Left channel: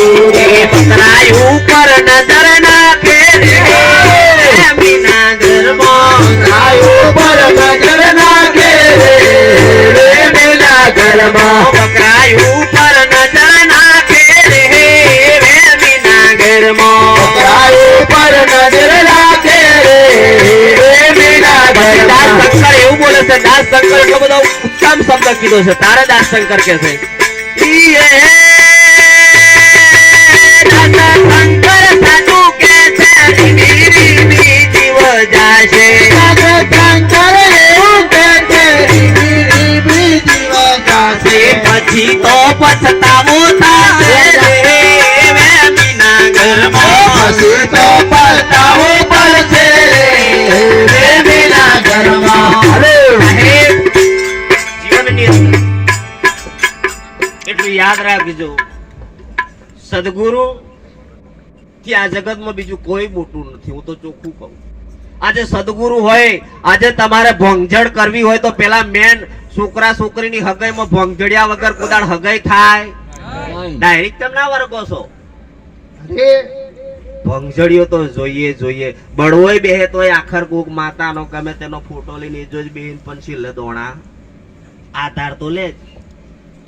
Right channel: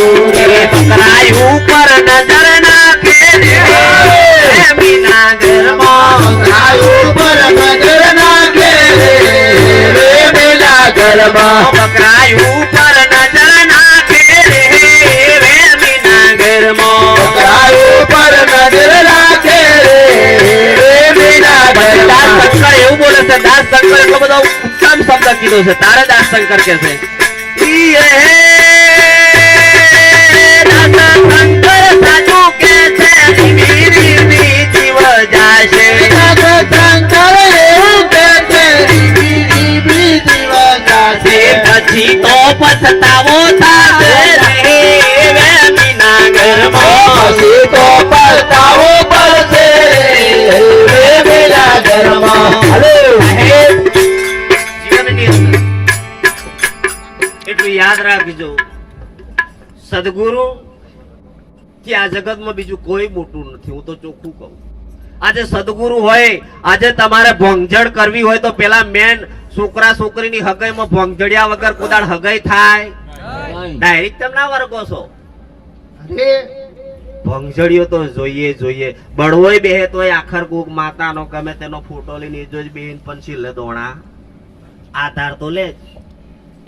બકરાઈ ઉપર નજર નાખે રે મીના ઘરમાં બકરાઈ ઉપર નજર નાખે રે મીના ઘરમાં બકરાઈ ઉપર નજર નાખે રે મીના ઘરમાં બકરાઈ ઉપર નજર નાખે રે મીના ઘરમાં દાસ શંકર એવું બોલે છે દાસ શંકર એટલો બધો ઉત્તમ શબ્દ કીધો છે તારે દાસ શંકર કે છે દાસ શંકર સાચું કે છે રીબી જીવ જાશે શંકર એવું કે છે રીબી જીવ જાશે પછી તો પછતાવો થશે રે મીના ઘરમાં પછી તો પસ્તાવો પડશે રે મીના ઘરમાં જીવનની અંદર એટલું યાદ રાખજો સદગુરુ કે આ જગતમાં બીજું કોઈ મોટું નથી હું તો ચોખ્ખું કહું આજે સદગુરુ હોય આજે તમારે ભોંગજડ કરવી હોય તો પેલા મેન છોકરા છોકરીની હગાઈમાં ભોંગજડિયા વગર કુદાળ હગાઈ થાય ડાયરેક્ટ તમે ના વર્ગો છો ભંગજડીઓ તો જોઈએ બળવોય બેહે તોય આખર કોક માતાનો ગમે તેનો ફોટો લઈને જોઈ બેન પંછી લે દોણા આધાર તો લે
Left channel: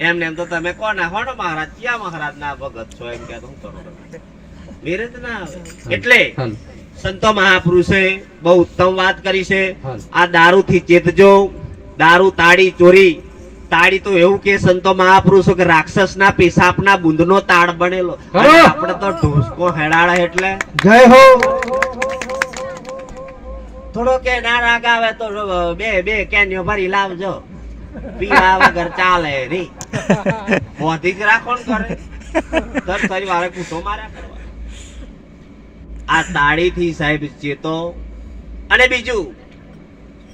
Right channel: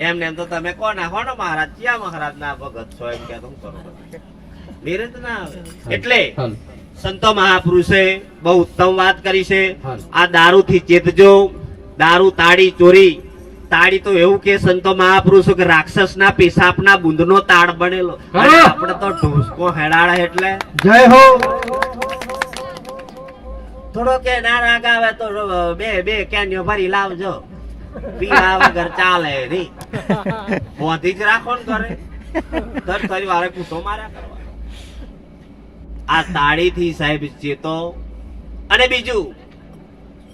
એમને એમ તો તમે કોણ હો ને મહારાજ ક્યાં મહારાજ ના ભગત છો એમ કે હું કરો મેરેજ ના આવે એટલે સંતો મહાપુરુષે બહુ ઉત્તમ વાત કરી છે આ દારૂ થી ચેતજો દારૂ તાળી ચોરી તાળી તો એવું કે સંતો મહાપુરુષો કે રાક્ષસ ના પેશાબ ના બુંદ નો તાળ બનેલો આપણે તો ઢોસકો હેડાડે એટલે જય હો થોડો કે ના રાગ આવે તો બે કેન્યો ભરી લાવજો પીવા વગર ચાલે નહીં બોધી જ રાખો ને કરે દર કરી વારે કૂટો માર્યા કરવા આ તાળી થી સાહેબ ચેતો અને બીજું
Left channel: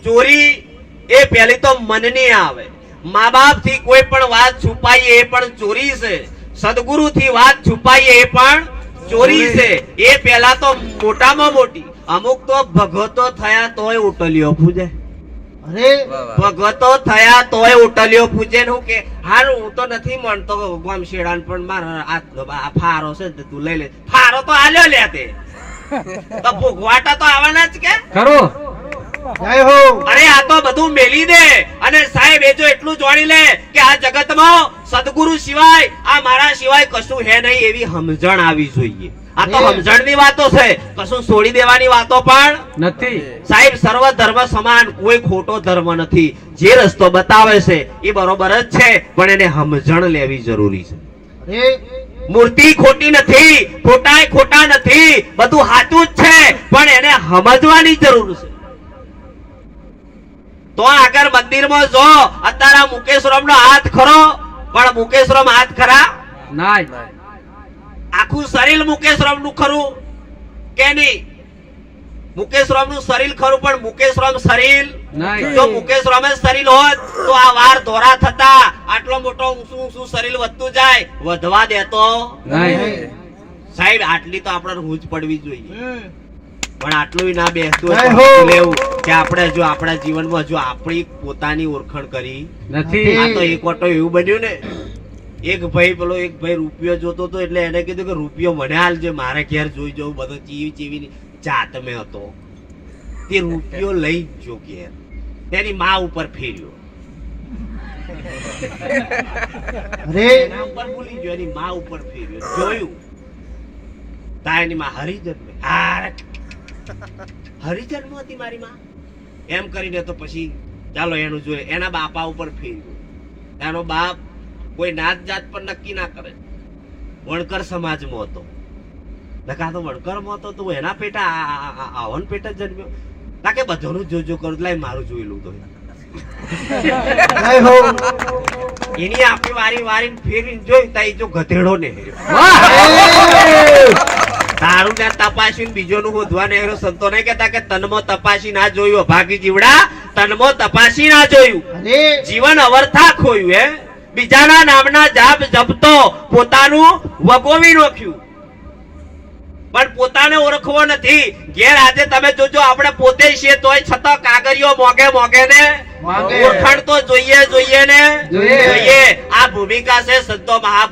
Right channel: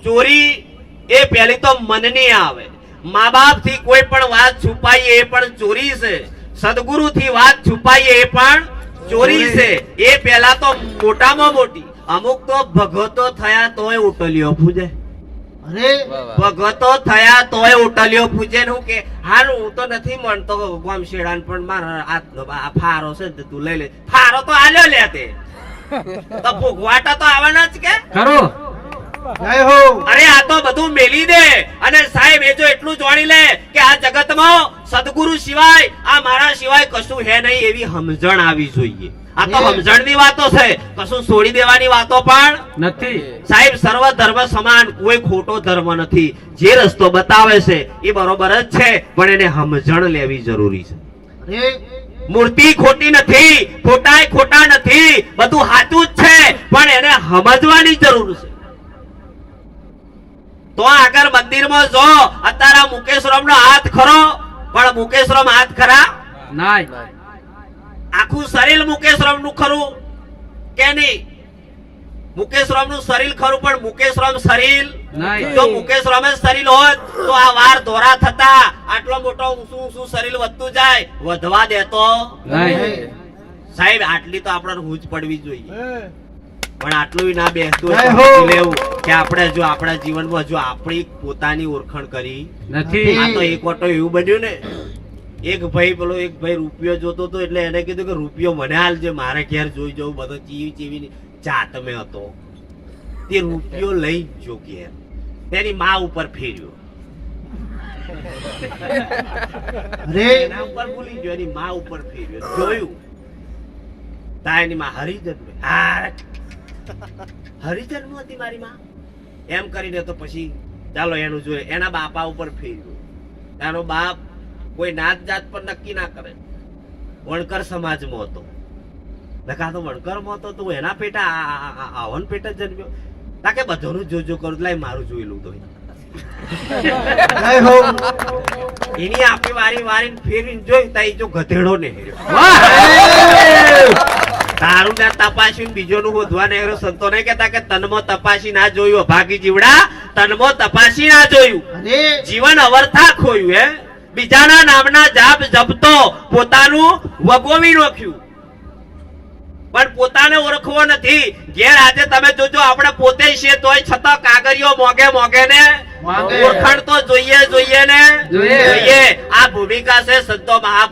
ચોરી એ પેલી તો મનની આવે મા બાપ થી કોઈ પણ વાત છુપાઈએ એ પણ ચોરી છે સદગુરુ થી વાત છુપાઈએ એ પણ ચોરી છે એ પેલા તો મોટામાં મોટી અમુક તો ભગતો થયા તોય ઉટલીઓ પૂજે અરે ભગતો થયા તોય ઉટલીઓ પૂજે નું કે હારું હું તો નથી માનતો ગામ શેડાન પણ મારા આ ફારો છે ને તું લઈ લે ફારો તો આલ્યો લે તે તો ભોગવાટા તો આવવાના જ કે ખરો જય હો અરે આ તો બધું મેલી દે અને સાહેબ એ જો એટલું જાણી લે કે આ જગતમાં સદગુરુ સિવાય આ મારા સિવાય કશું હે નહીં એવી સમજણ આવી જોઈએ આ તો સમજણની વાતો છે કશું છોડી દેવાની વાતો પણ નથી સાહેબ સર્વ ધર્મ સમાન કોઈ ખોટો ધર્મ નથી જે રસ્તો બતાવે છે એ બરોબર જ છે પણ એને સમજણ લેવી જરૂરી છે મૂર્તિ ખોટી નથી ખોટાય ખોટા નથી બધું સાચું જ છે પણ એને સમજવાની જરૂર છે તો આગળ મંદિરમાં જો અત્યારે મુકેશરામ નો હાથ ખરો પણ મુકેશરામ હાથ ખરા નાય આખું શરીર મુકેશરામ નું ખરું કે નહીં મુકેશરામ નું શરીર ખરું પણ મુકેશરામ શરીર જો મુકેશરામ શરીર હોત તો આ વાર ધોરા થતા આટલો મોટો ઊંચું શરીર વધતું જાય વધવા દેતો સાહેબ આટલી તો આપણે રૂજ પડવી જોઈએ પણ આટલું ના બેસતું લેવું કે આપણે જો આપણા જીવનમાં જો આપણી પોતાની ઓળખાણ કરી નથી આ તો એક વટો એવું બન્યું ને એક ભાઈ રૂપિયો જોતો હતો એટલે એને કીધું કે રૂપિયો મને હાલજો મારે ઘેર જોઈ જવું બધો ચીવી જાત મેં હતો તે રૂપિયો લઈ જો ઘેર તેની માં ઉપર ફેર્યો એના ઉપર ભૂલી ગયો એની માં ઉપર ફેર્યો જોયું તાયની માં હરિજન હરિજન હતી મારી માં એમ કરીને તો પછી ચાલો એનું જોઈએ એના બાપા ઉપર ફેર્યું એનો બાપ કોઈ નાત જાત પર નક્કી ના કરે વણકર સમાજમાં હતો નકા તો વણકરમાં હતો તો એના પેટા આવન પેટ જ જન્મ્યો તાકે બધાનું જોજો કરું લાય મારું જોયેલું તો એની આપી વારી ફેરીને જોઈ તાઈ જો ગધેડો ને તારું ને તપાસીને બીજો નું શોધવા નેહરો સંતો ને કહેતા કે તનમાં તપાસી ના જોયું ભાગી જીવડા તનમાં તપાસી ના જોયું જીવન અવર્થા ખોયું હે બીજાના નામના જાપ જપતો પોતાનું વગોવી નાખ્યું પણ પોતાને ઓળખવો નથી ઘેર આજે તમે જોજો આપણે પોતે છીએ તોય છતાં કાગળિયો મોગે ને ઓળખાણ તો જોઈએ ને જોઈએ આ ભૂમિકા છે સંતો મહાપુરુષ